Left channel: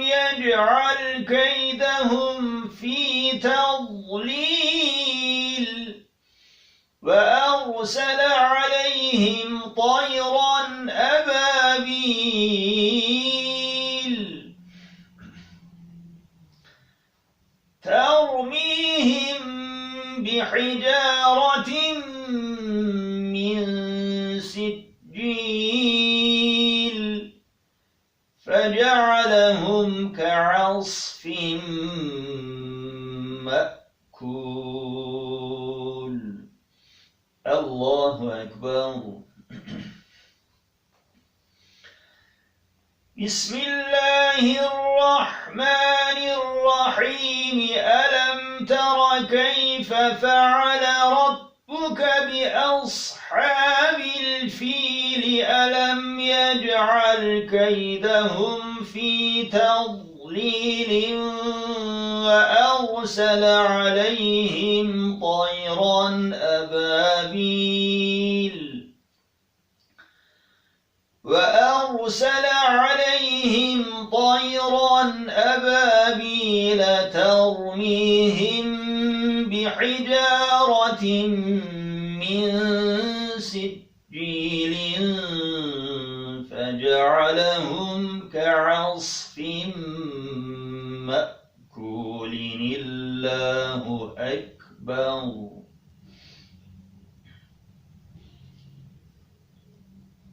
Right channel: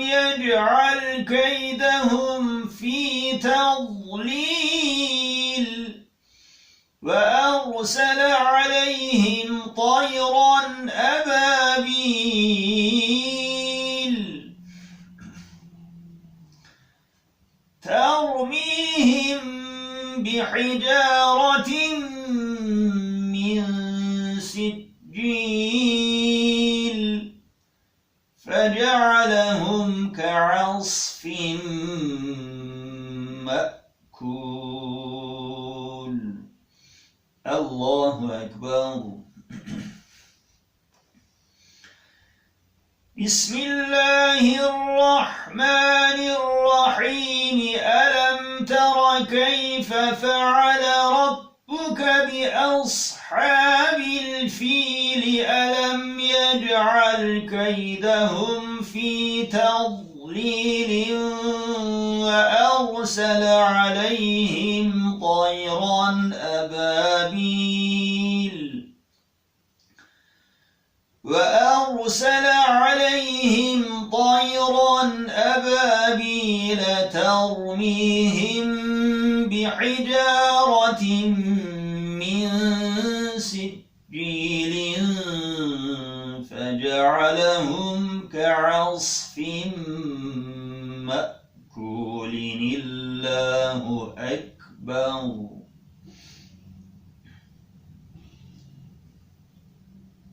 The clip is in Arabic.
يجعل كيدهم في تضليل. وأرسل عليهم طيرا أبابيل. ترميهم بحجارة فجعلهم كعصف مأكول. الله أكبر. بسم الله الرحمن الرحيم. ألم تر كيف فعل ربك بأصحاب ألم يجعل كيدهم في تضليل وأرسل عليهم طيرا أبابيل وأرسل عليهم طيرا أبابيل ترميهم بحجارة من سجيل فجعلهم كعصف مأكول. الله أكبر.